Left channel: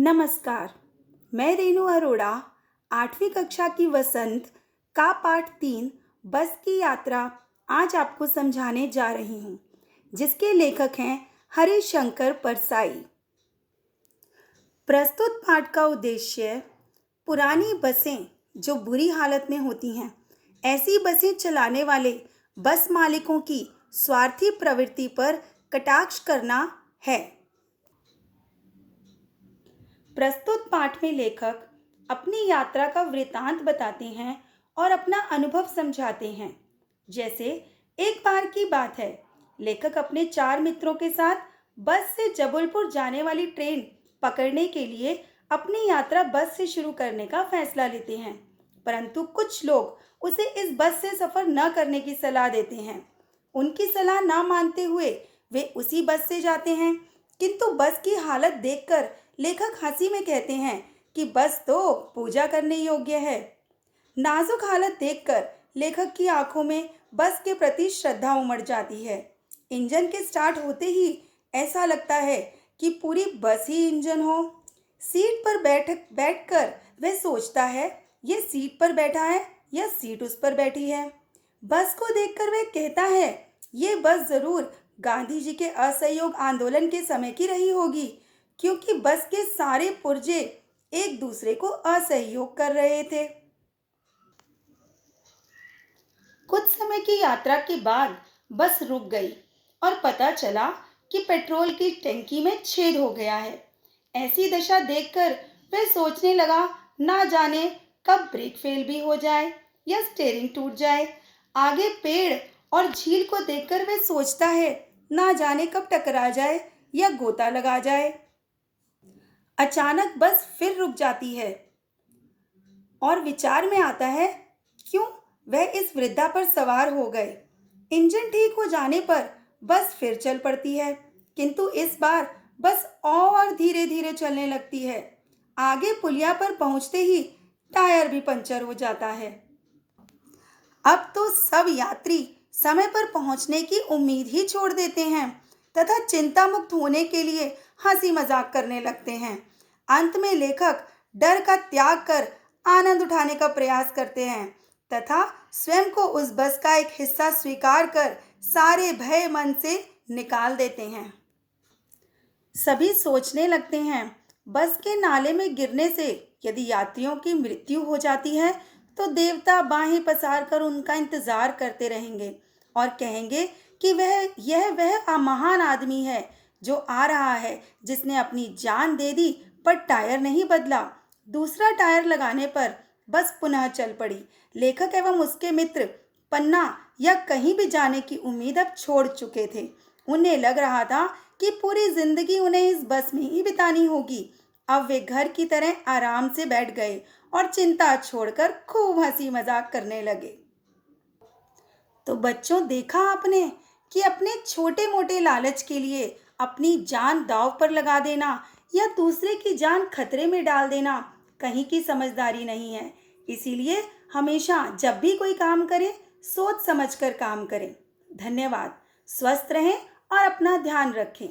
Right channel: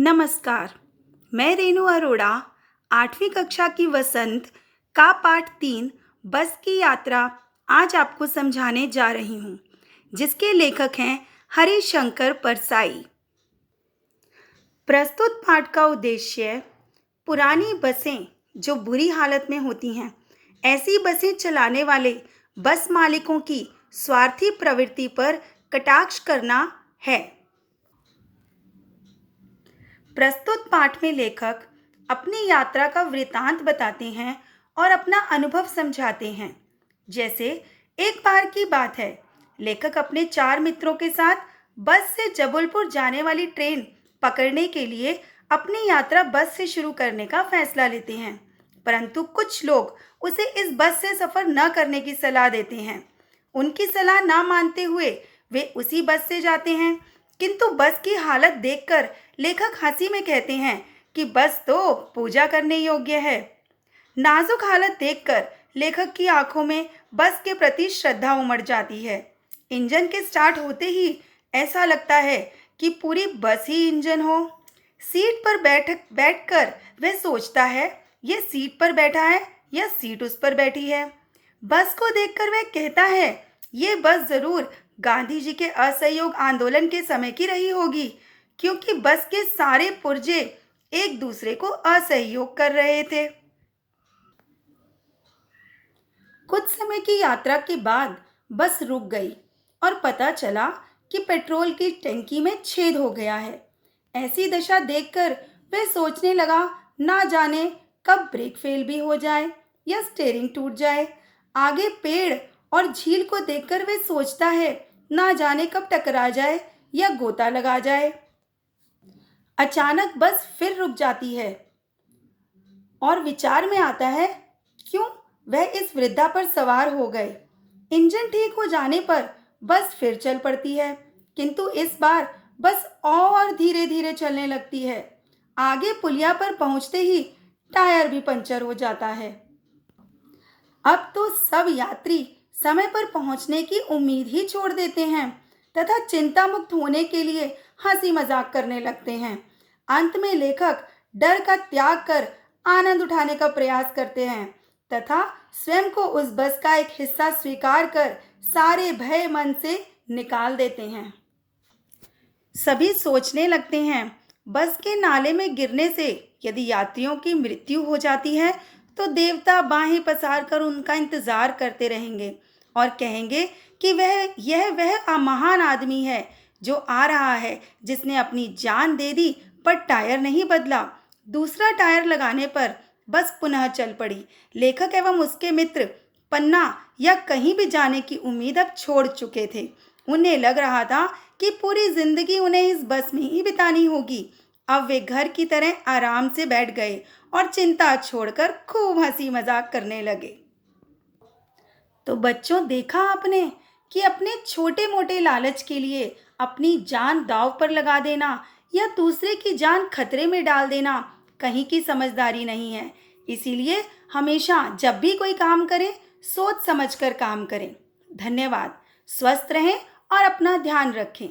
नमस्कार। मैं रेणु अरोड़ा 8वीं कक्षा की वसंत का पाठ 3 बस की यात्रा आज आपको समझाने जा रही हूँ, जिसके लेखक हैं हरिशंकर परसाई। प्रस्तुत पाठ का उद्देश्य पुरानी बसें जो बुरी हालत में होती हैं, ऐसी बसें चलाने वाले बस मालिकों की स्वार्थी प्रवृत्ति पर कटाक्ष करना है। प्रस्तुत पाठ में लेखक अपनी यात्रा का वृतांत बताते हैं और अपना अनुभव समझाते हैं। जैसे एक बार की बात है, लेखक अपने 4 मित्रों के साथ बस से जबलपुर जाने वाली ट्रेन पकड़ने के लिए अपनी यात्रा बस से शुरू करने का फैसला लेते हैं, परंतु कुछ लोग उसे इस बस से सफर न करने की सलाह देते हैं। उनकी सलाह ना मानते हुए वे उसी बस से जाते हैं, किंतु बस की हालत देखकर लेखक हंसी में कहते हैं कि बस तो पूजा करने योग्य है। नाजुक हालत देखकर लेखक की आंखों में बस के प्रति श्रद्धा उमड़ जाती है। इंजन के स्टार्ट होते ही ऐसा लगता है कि पूरी बस ही इंजन हो। सीट पर बैठकर वह सोचता है, यह सीट पर बैठा है या सीट उस पर बैठी है। बस को देखकर वह कहता है, ये बस जरूर गांधी जी के असहयोग आंदोलन के समय की रही होगी, क्योंकि बस के सारे पुर्जे एक दूसरे को असहयोग कर रहे थे। कुछ समय की यात्रा के बाद बस रुक गई और पता चला कि पेट्रोल की टंकी में छेद हो गया है। ऐसी दशा देखकर वह सोचने लगा, ना जाने कब ब्रेक फेल भी हो जाए या स्टीयरिंग टूट जाए। आगे पेड़ और झील को देखकर वह सोचता है, ना जाने कब टकरा जाए या गोता लगा जाए। अचानक बस फिर रुक जाती है और विचार में आता है, क्यों वह इस वृद्धा पर सवार हो गए। इंजन ठीक हो जाने पर बस फिर चल पड़ती है, किंतु इस बार बस और धीरे धीरे चलने लगती है। आगे पुलिया पर पहुंचते ही टायर भी पंचर हो जाता है। अब तो सब यात्री समय पर पहुंचने की उम्मीद ही छोड़ देते हैं तथा चिंता मुक्त होने के लिए हंसी मजाक करने लगते हैं। अंत में लेखक डर का त्याग कर आनंद उठाने का प्रयास करते हैं तथा स्वयं को उस बस का एक हिस्सा स्वीकार कर सारे भय मन से निकाल देते हैं। सभी सोचने लगते हैं, बस के नाले में गिरने से यदि यात्रियों की मृत्यु हो जाती है तो देवता बाहें पसार कर उनका इंतजार करते रहेंगे और कहेंगे कि वह महान आदमी है जो आ रहा है, जिसने अपनी जान दे दी पर टायर नहीं बदला। दूसरा टायर लगाने पर बस पुनः चल पड़ी। लेखक एवं उसके मित्र पन्ना या कहीं भी जाने की उम्मीद अब छोड़ चुके थे। उन्हें लग रहा था कि पूरी जिंदगी उन्हें इस बस में ही बितानी होगी। अब वे घर की तरह आराम से बैठ गए और चिंता छोड़कर खूब हंसी मजाक करने लगे। तो बच्चों, देखा आपने कि अपने छोटे मोटे लालच के लिए अपनी जान दांव पर लगा देना या दूसरे की जान खतरे में डाल देना कहीं की समझदारी नहीं है। इसीलिए हमेशा जब भी कोई काम करें, सोच समझकर काम करें। धन्यवाद। स्वस्थ रहें और अपना ध्यान रखें।